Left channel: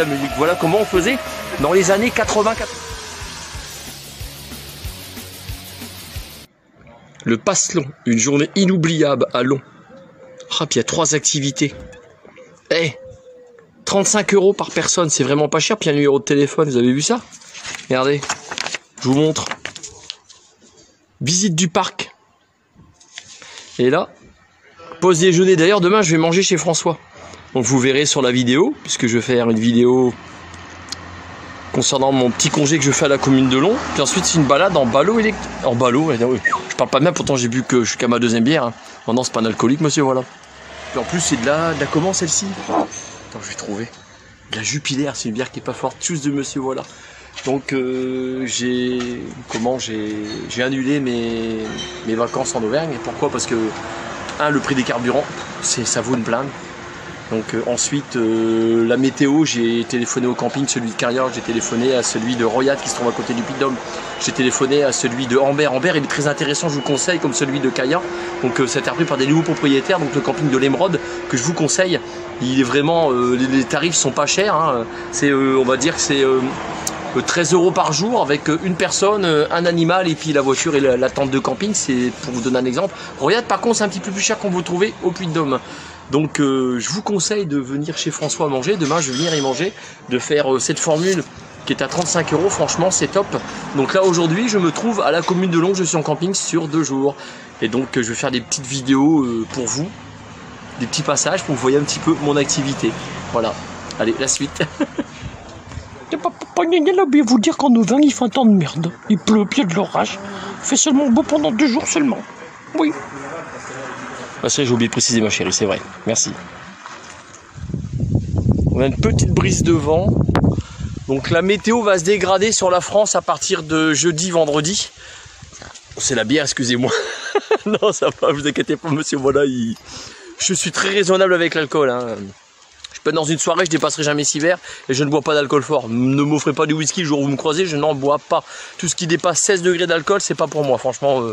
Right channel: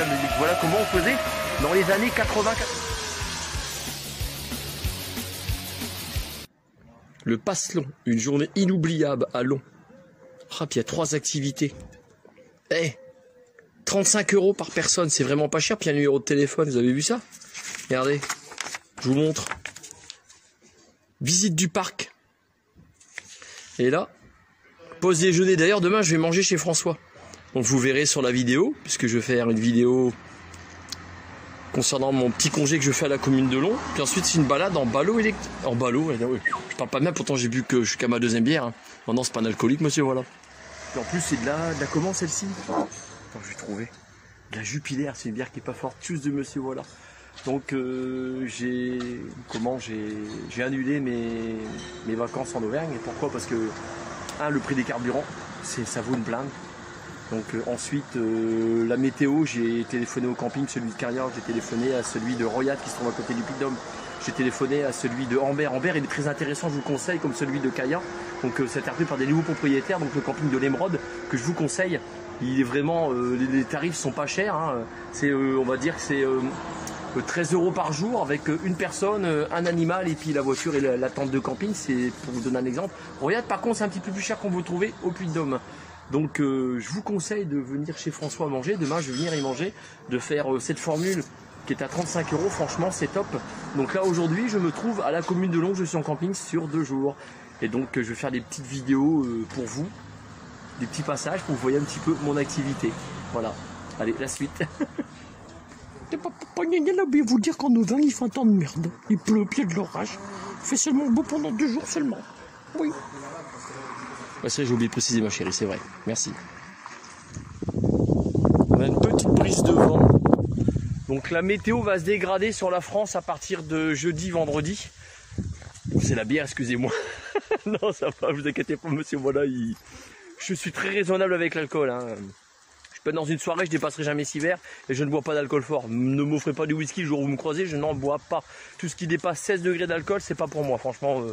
Putain, mais voilà comment on faisait dans les années 80. Le Passe-Long, une journée inoubliable à Long. Ah, puis il y a 3 activités. Eh, 35 € par personne, c'est vraiment pas cher. Puis il y a un numéro de téléphone, vous avez vu ça? Regardez, je vous montre. Visite du parc. Et là, pause déjeuner. D'ailleurs, demain, je vais manger chez François. Donc vous verrez sur la vidéo, puisque je vais faire une vidéo concernant mon petit congé que je fais à la commune de Long. Puis ensuite, c'est une balade en ballot électrique. En ballot, je parle pas bien, pourtant j'ai bu que je suis qu'à ma 2e bière. Hein. Oh non, c'est pas un alcoolique, monsieur, voilà. Et en plus, c'est de la comment celle-ci? Attends, je vais trouver. De la Jupiler, c'est une bière qui est pas forte. Tous de monsieur, voilà. Donc j'ai annulé mes vacances en Auvergne. Et pourquoi? Parce que le prix des carburants, ça vaut une blinde. Donc ensuite la météo, j'ai téléphoné au camping, celui de Carrière, j'ai téléphoné à celui de Royat qui se trouve à côté du Puy-de-Dôme, j'ai téléphoné à celui de Ambert. Ambert il est très intéressant, je vous conseille, comme celui de Carrière. Donc c'est repris par des nouveaux propriétaires, donc le camping de l'Émeraude que je vous conseille. Il est vraiment, les tarifs sont pas chers, hein. C'est on va dire que c'est 13 € par jour avec une personne, un animal et puis la voiture et la tente de camping, c'est pour vous donner un exemple. Royat par contre c'est un petit peu plus cher qu'on vous trouver au Puy-de-Dôme. Donc je vous conseille de venir chez François manger. Demain je vais venir y manger, de faire cette formule qui est à 35 €. Franchement c'est top. Donc là aujourd'hui je me trouve à la commune de Long, je suis en camping sur 2 jours. Et donc je vais faire des petites vidéos pour vous, des petits passages pour que vous voyez un petit peu mon activité. Voilà, allez la suite. Je vais vous dire qu'en Auvergne il fait un temps de merde. Il pleut, puis il y a de l'orage. Il fait seulement beau pendant 2 jours seulement. Oui. Ah, ça, j'ai oublié de préciser, ma chérie, c'est vrai. Merci. On a une petite brise de vent. Donc la météo va se dégrader sur la France à partir de jeudi, vendredi. C'est la bière, excusez-moi. Non, ça va, vous inquiétez pas, monsieur. Voilà, je suis très raisonnable avec l'alcool. Hein. Je peux être dans une soirée, je dépasserai jamais 6 verres et je ne bois pas d'alcool fort. Ne m'offrez pas du whisky le jour où vous me croisez, je n'en bois pas. Tout ce qui dépasse 16 degrés d'alcool, c'est pas pour moi. Franchement,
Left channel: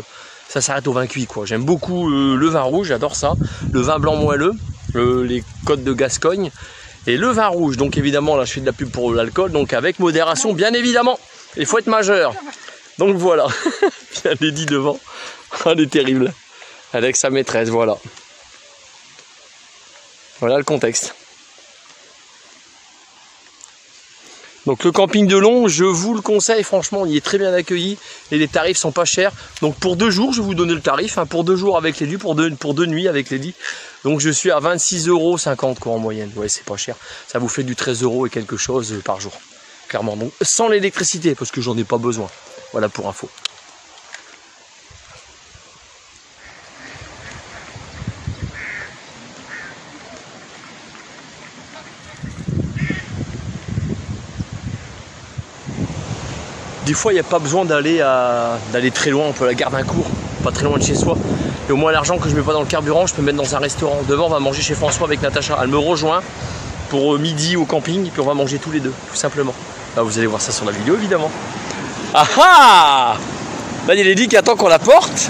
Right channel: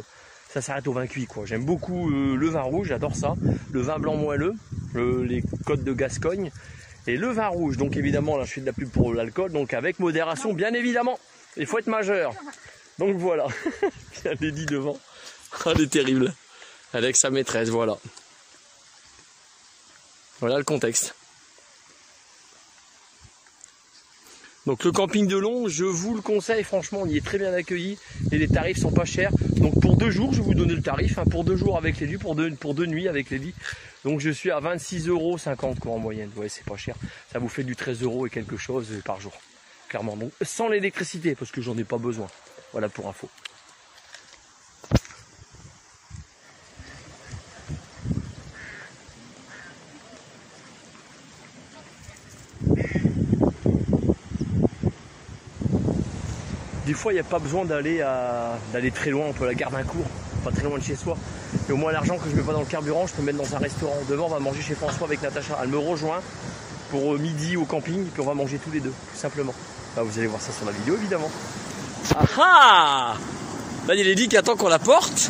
ça s'arrête au vin cuit, quoi. J'aime beaucoup le vin rouge, j'adore ça. Le vin blanc moelleux, les côtes de Gascogne. Et le vin rouge, donc évidemment, là je fais de la pub pour l'alcool, donc avec modération, bien évidemment. Il faut être majeur. Donc voilà. Bien Lady devant. Elle est terrible. Avec sa maîtresse, voilà. Voilà le contexte. Donc le camping de Long, je vous le conseille, franchement, il est très bien accueilli et les tarifs sont pas chers. Donc pour 2 jours, je vais vous donner le tarif, hein, pour 2 jours avec les lits, pour deux nuits avec les lits. Donc je suis à 26,50 € quoi en moyenne. Ouais, c'est pas cher. Ça vous fait du 13 € et quelque chose par jour. Clairement. Donc sans l'électricité, parce que j'en ai pas besoin. Voilà pour info. Des fois, il n'y a pas besoin d'aller très loin, on peut la garder un cours, pas très loin de chez soi. Et au moins l'argent que je mets pas dans le carburant, je peux mettre dans un restaurant. Demain, on va manger chez François avec Natacha. Elle me rejoint pour midi au camping, et puis on va manger tous les deux, tout simplement. Là, vous allez voir ça sur la vidéo, évidemment. Ah ah! Là, il y a Lady qui attend qu'on la porte.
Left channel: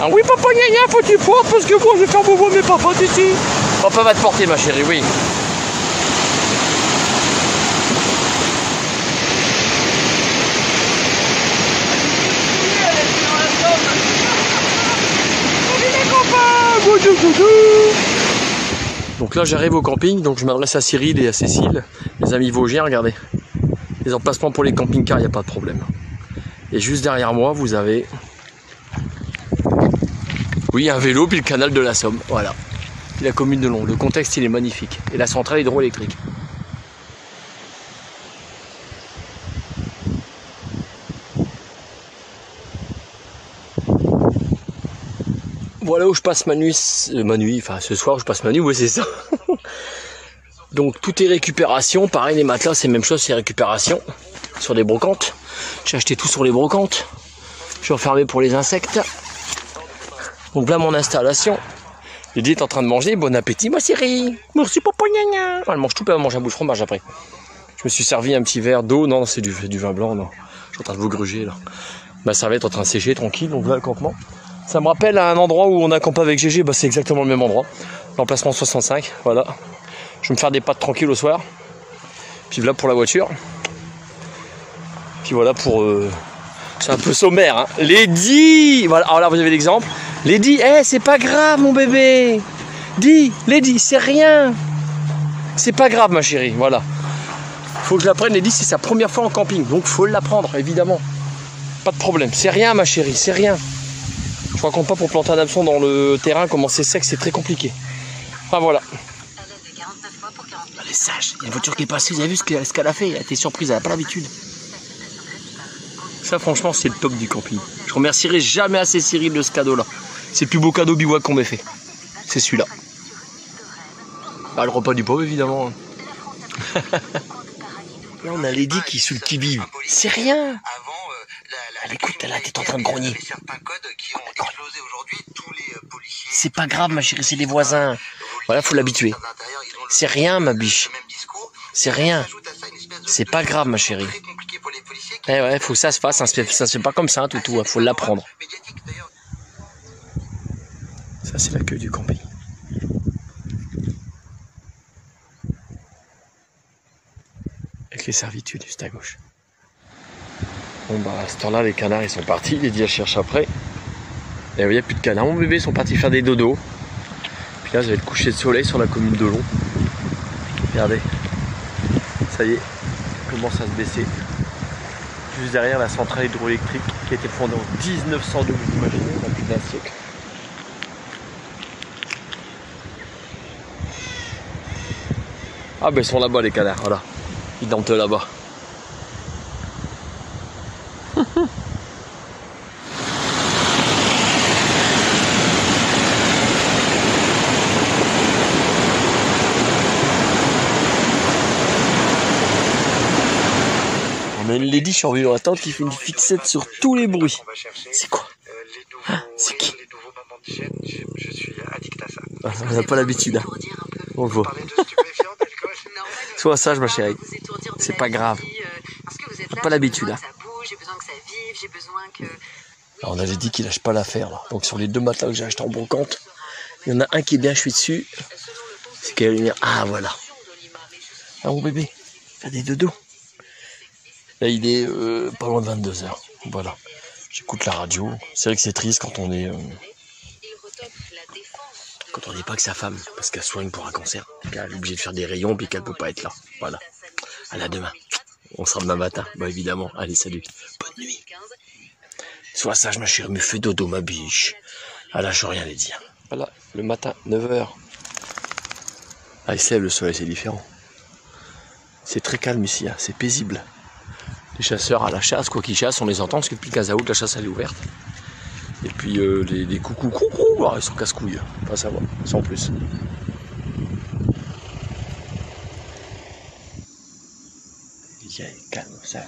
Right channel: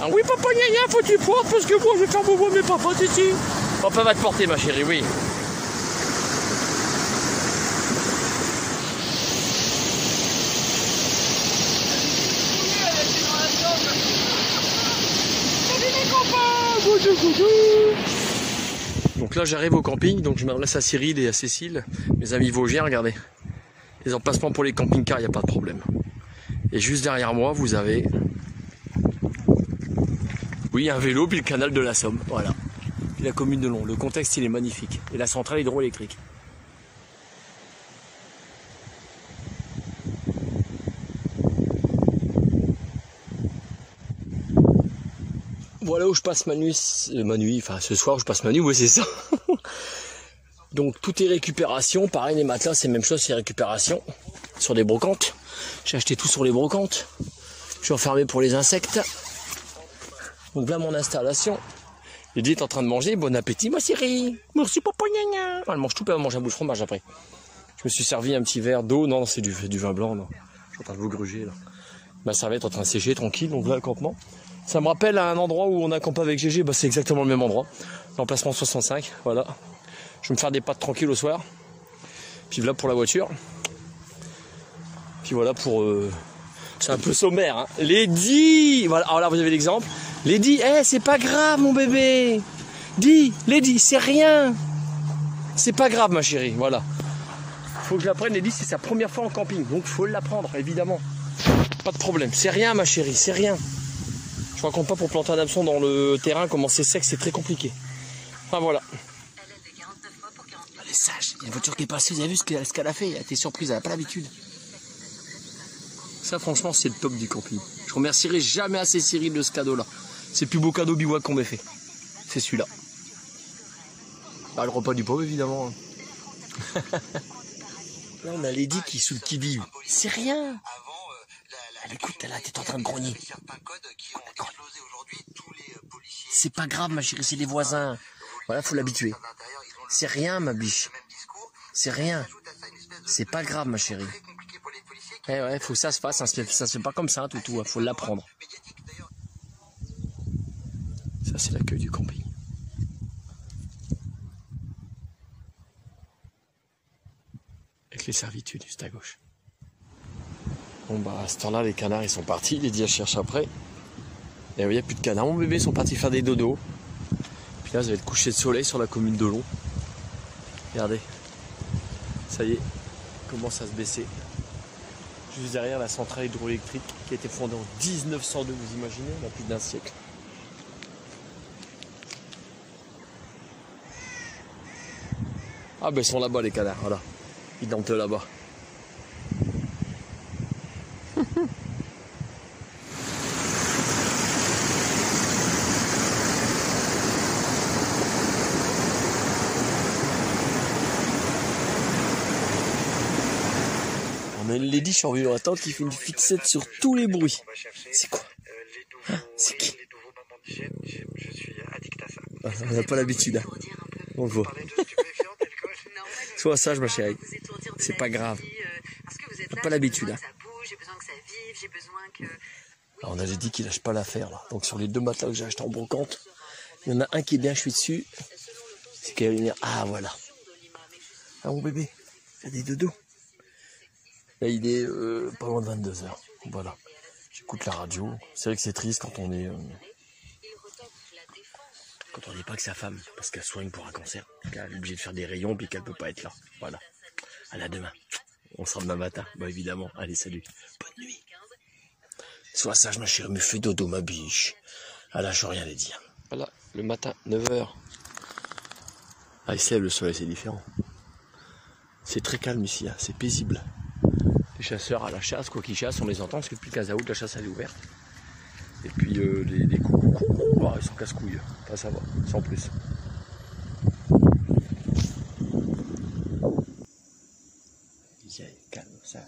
Ah oui, papa, gna faut que tu portes parce que moi je vais faire bobo mes papas ici. Papa va te porter, ma chérie, oui. Donc là j'arrive au camping, donc je m'adresse à Cyril et à Cécile, les amis vosgiens, regardez. Les emplacements pour les camping-cars, il n'y a pas de problème. Et juste derrière moi, vous avez... Oui, un vélo, puis le canal de la Somme, voilà. La commune de Long, le contexte il est magnifique. Et la centrale hydroélectrique. Voilà où je passe ma nuit, enfin ce soir je passe ma nuit, ouais c'est ça. Donc tout est récupération, pareil les matelas c'est la même chose, c'est récupération sur des brocantes. J'ai acheté tout sur les brocantes. Je suis enfermé pour les insectes. Donc là mon installation. Lydie est en train de manger, bon appétit ma chérie. Merci papa gna gna. Elle mange tout, elle mange un bout de fromage après. Je me suis servi un petit verre d'eau, non c'est du vin blanc, non. Je suis en train de vous gruger là. Ma serviette est en train de sécher tranquille, donc voilà le campement. Ça me rappelle à un endroit où on a campé avec GG, bah c'est exactement le même endroit. L'emplacement 65, voilà. Je vais me faire des pâtes tranquilles au soir. Puis voilà pour la voiture. Puis voilà pour... c'est un peu sommaire, hein. Lady, voilà, alors là vous avez l'exemple. Lady, c'est pas grave mon bébé. Lady, c'est rien. C'est pas grave ma chérie, voilà. Faut que je la prenne, Lady, c'est sa première fois en camping. Donc faut la prendre, évidemment. Pas de problème. C'est rien ma chérie, c'est rien. Je raconte pas pour planter un hameçon dans le terrain, comment c'est sec, c'est très compliqué. Enfin voilà. Elle est sage, il y a une voiture qui est passée, vous avez vu ce qu'elle a fait, elle a été surprise, elle n'a pas l'habitude. Ça franchement c'est le top du camping. Je remercierai jamais assez Cyril de ce cadeau là. C'est le plus beau cadeau bivouac qu'on m'ait fait. C'est celui-là. Bah, le repas du pauvre évidemment. Là on a Lady qui est sous le qui-vive. C'est rien. Elle écoute, elle a été en train de grogner. C'est pas grave ma chérie, c'est des voisins. Voilà, faut l'habituer. C'est rien ma biche. C'est rien. C'est pas grave ma chérie. Eh ouais, faut que ça se fasse, ça se fait pas comme ça, hein, toutou, faut l'apprendre. Ça c'est l'accueil du camping. Avec les servitudes juste à gauche. Bon bah à ce temps-là les canards ils sont partis, les dias cherchent après. Et il n'y a plus de canards, mon bébé ils sont partis faire des dodos. Puis là vous avez le coucher de soleil sur la commune de Long. Regardez, ça y est, commence à se baisser. Juste derrière la centrale hydroélectrique qui a été fondée en 1902, vous imaginez, il y a plus d'un siècle. Ah ben ils sont là-bas les canards, voilà. Ils dorment là-bas. On a une Lady survie dans la tente qui fait une fixette sur tous les bruits. C'est quoi? C'est qui? Je suis addict à ça. On n'a pas l'habitude, hein. On le voit. Sois sage ma chérie. C'est pas grave. On n'a pas l'habitude, hein. Alors on avait dit qu'il lâche pas l'affaire là. Donc sur les 2 matelas que j'ai acheté en brocante, il y en a un qui est bien chouette dessus. C'est qu'il va venir. Ah voilà. Ah mon bébé, faire des dodos. Là il est pas loin de 22 h. Voilà. J'écoute la radio. C'est vrai que c'est triste quand on est n'est pas que sa femme, parce qu'elle soigne pour un cancer, qu'elle est obligée de faire des rayons puis qu'elle peut pas être là. Voilà. À la demain. On sera demain matin. Bah évidemment. Allez salut. Bonne nuit. Sois sage ma chérie, me fais dodo ma biche. Ah là je rien les dire. Voilà, le matin, 9 h. Ah il sève le soleil, c'est différent. C'est très calme ici, hein. C'est paisible. Les chasseurs à la chasse, quoi qu'ils chassent, on les entend parce que depuis le 15 août, la chasse elle est ouverte. Et puis les coucous, ils sont casse-couilles, pas savoir, sans plus. Calme, sage.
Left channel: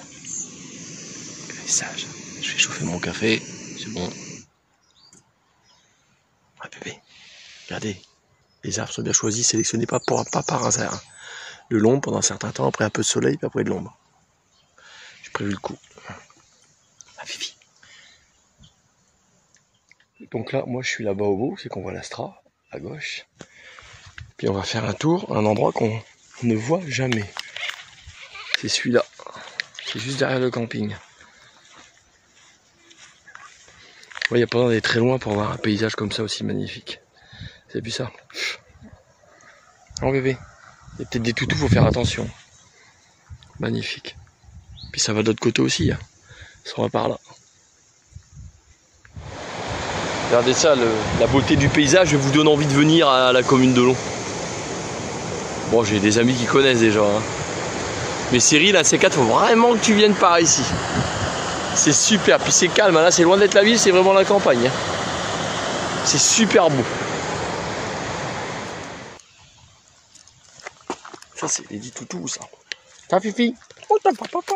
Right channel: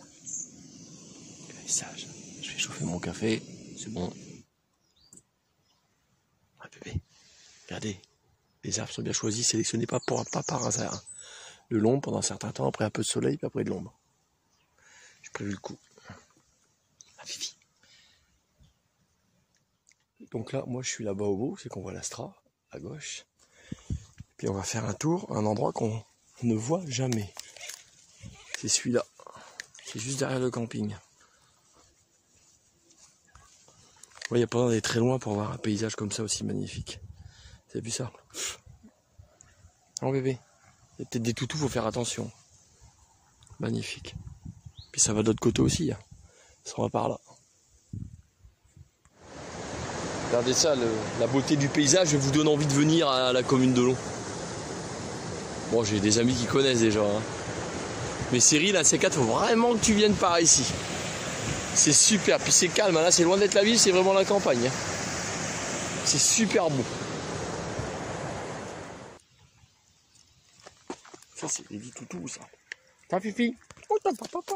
Sage. Je vais chauffer mon café, c'est bon. Ah bébé, regardez, les arbres sont bien choisis, sélectionnés pas par hasard. De l'ombre pendant un certain temps, après un peu de soleil, puis après de l'ombre. J'ai prévu le coup. Ah Fifi. Donc là, moi je suis là-bas au bout, c'est qu'on voit l'Astra, à gauche. Puis on va faire un tour, un endroit qu'on ne voit jamais. C'est celui-là. C'est juste derrière le camping. Il n'y a pas besoin d'aller très loin pour voir un paysage comme ça aussi magnifique. Vous avez vu ça? Oh bébé, il y a peut-être des toutous, faut faire attention. Magnifique. Puis ça va de l'autre côté aussi. Hein. Ça va par là. Regardez ça, la beauté du paysage vous donne envie de venir à la commune de Long. Bon, j'ai des amis qui connaissent déjà. Hein. Mais Cyril, là, C4, faut vraiment que tu viennes par ici. C'est super, puis c'est calme, là c'est loin d'être la ville, c'est vraiment la campagne. Hein. C'est super beau. Ça c'est les dits toutous ça. Ça Fifi? Oh t'as pas papa.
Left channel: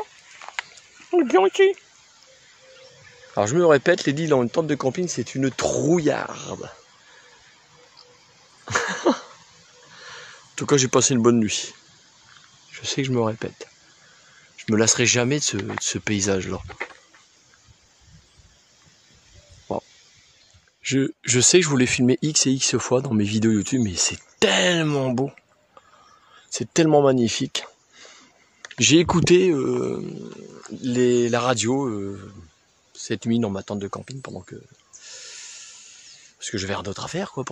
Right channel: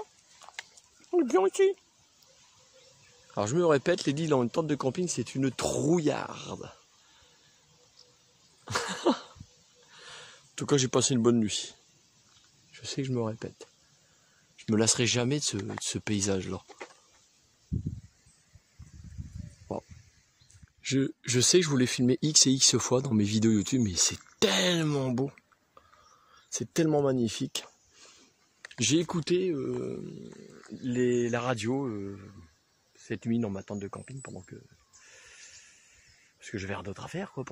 On est bien ici. Alors je me répète, les dits dans une tente de camping c'est une trouillarde. En tout cas j'ai passé une bonne nuit. Je sais que je me répète. Je me lasserai jamais de ce paysage là. Je sais que je voulais filmer X et X fois dans mes vidéos YouTube, mais c'est tellement beau. C'est tellement magnifique. J'ai écouté la radio cette nuit dans ma tente de camping parce que j'avais rien d'autre à faire, quoi,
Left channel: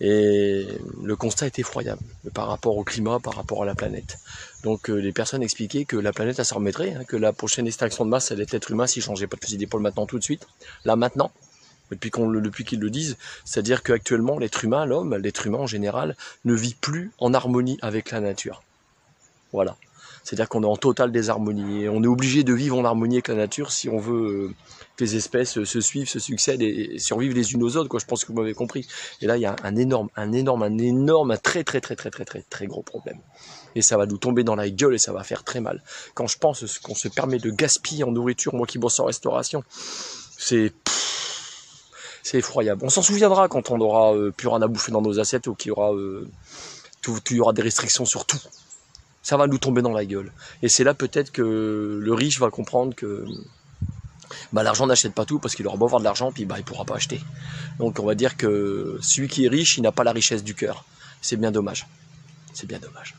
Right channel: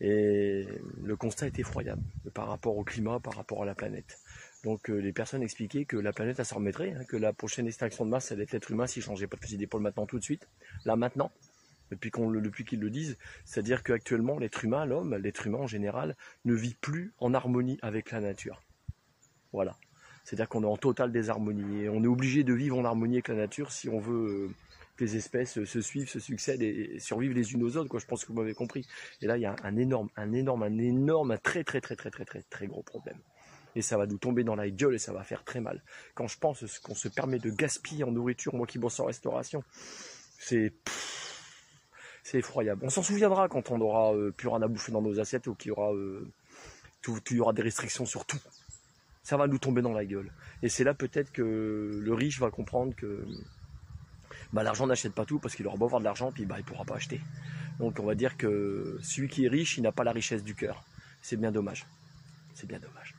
et le constat est effroyable par rapport au climat, par rapport à la planète. Donc les personnes expliquaient que la planète, elle s'en remettrait, hein, que la prochaine extinction de masse, ça allait être l'être humain s'il ne changeait pas de fusil d'épaule maintenant, tout de suite, là maintenant. Depuis qu'ils le disent, c'est-à-dire qu'actuellement, l'être humain en général, ne vit plus en harmonie avec la nature. Voilà. C'est-à-dire qu'on est en totale désharmonie. Et on est obligé de vivre en harmonie avec la nature si on veut que les espèces se suivent, se succèdent et survivent les unes aux autres, quoi. Je pense que vous m'avez compris. Et là, il y a un très gros problème. Et ça va nous tomber dans la gueule et ça va faire très mal. Quand je pense qu'on se permet de gaspiller en nourriture, moi qui bosse en restauration, c'est effroyable. On s'en souviendra quand on aura plus rien à bouffer dans nos assiettes ou qu'il y aura, il y aura des restrictions sur tout. Ça va nous tomber dans la gueule. Et c'est là peut-être que le riche va comprendre que l'argent n'achète pas tout parce qu'il aura beau avoir de l'argent puis il ne pourra pas acheter. Donc on va dire que celui qui est riche, il n'a pas la richesse du cœur. C'est bien dommage. C'est bien dommage.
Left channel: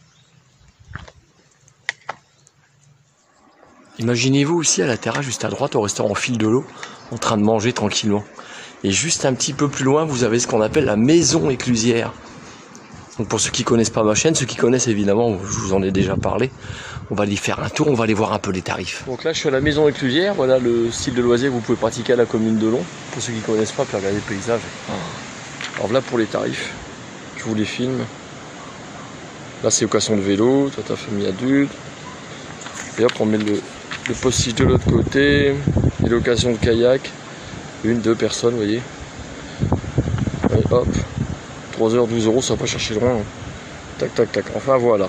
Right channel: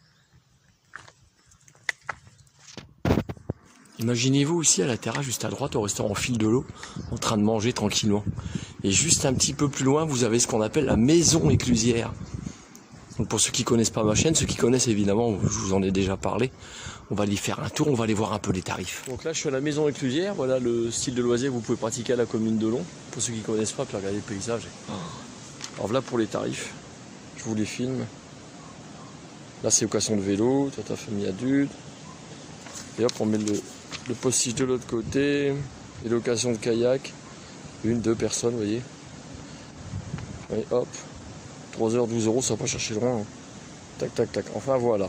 Imaginez-vous aussi à la terrasse, juste à droite, au restaurant Fil de l'eau, en train de manger tranquillement. Et juste un petit peu plus loin, vous avez ce qu'on appelle la maison éclusière. Donc pour ceux qui ne connaissent pas ma chaîne, ceux qui connaissent évidemment, je vous en ai déjà parlé, on va aller faire un tour, on va aller voir un peu les tarifs. Donc là je suis à la maison éclusière, voilà le style de loisir que vous pouvez pratiquer à la commune de Long. Pour ceux qui ne connaissent pas, puis regardez le paysage. Alors voilà pour les tarifs, je vous les filme. Là c'est location de vélo, ta famille adulte. Et hop on met le postiche de l'autre côté, et location de kayak, 1-2 personnes, vous voyez. Et hop, 3 heures, 12 €, ça va pas chercher loin. Tac, tac, tac, enfin voilà.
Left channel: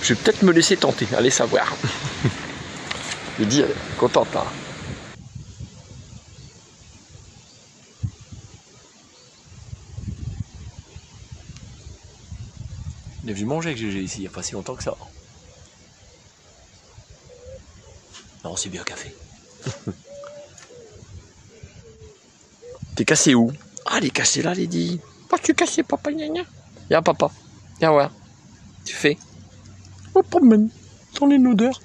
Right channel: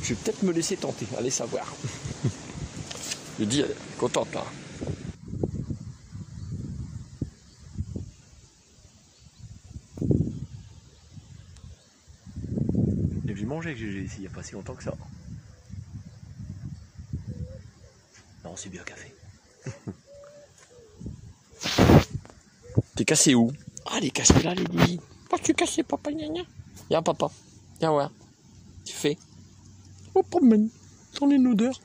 Je vais peut-être me laisser tenter, allez savoir. Je dis, elle est contente là. On est venu manger avec GG ici, il n'y a pas si longtemps que ça. Non, c'est bien café. T'es cassé où? Ah, elle est cassée là, Lady. Pas tu cassé, papa, gna gna. Viens, papa. Viens voir. Tu fais. On promène dans les odeurs.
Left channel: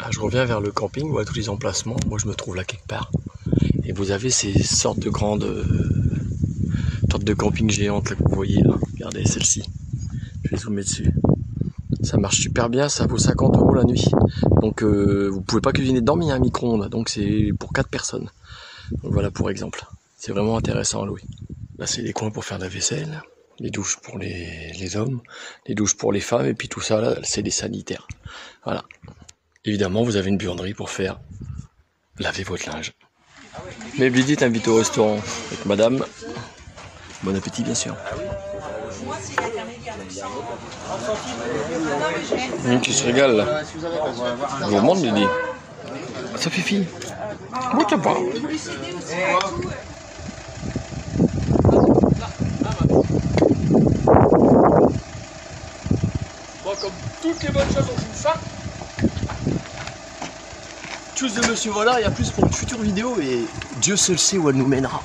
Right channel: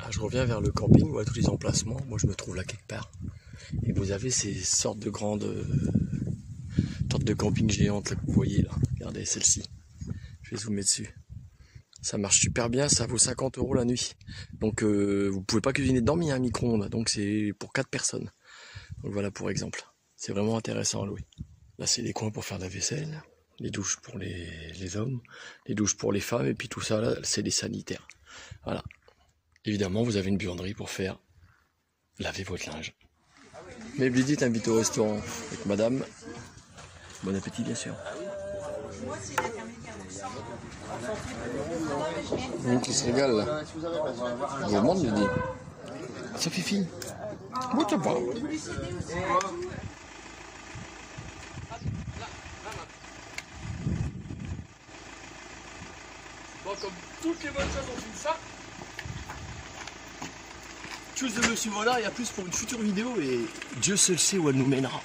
Ah, je reviens vers le camping, où à tous les emplacements. Moi, je me trouve là quelque part. Et vous avez ces sortes de grandes sortes de camping géantes là, que vous voyez là. Regardez celle-ci. Je vais zoomer dessus. Ça marche super bien, ça vaut 50 € la nuit. Donc vous pouvez pas cuisiner dedans, mais il y a un micro-ondes. Donc c'est pour 4 personnes. Donc voilà pour exemple. C'est vraiment intéressant à louer. Là c'est les coins pour faire la vaisselle, les douches pour les hommes, les douches pour les femmes, et puis tout ça là, c'est des sanitaires. Voilà. Évidemment, vous avez une buanderie pour faire laver votre linge. Mais Blidi t'invite au restaurant avec madame. Bon appétit bien sûr. Tu se régales là. Je vous montre Blidi. Ça fait fille. Moi t'as pas. Bon, comme toutes les bonnes choses ont une fin. Tous de monsieur voilà, et à plus pour une future vidéo, et Dieu seul sait où elle nous mènera.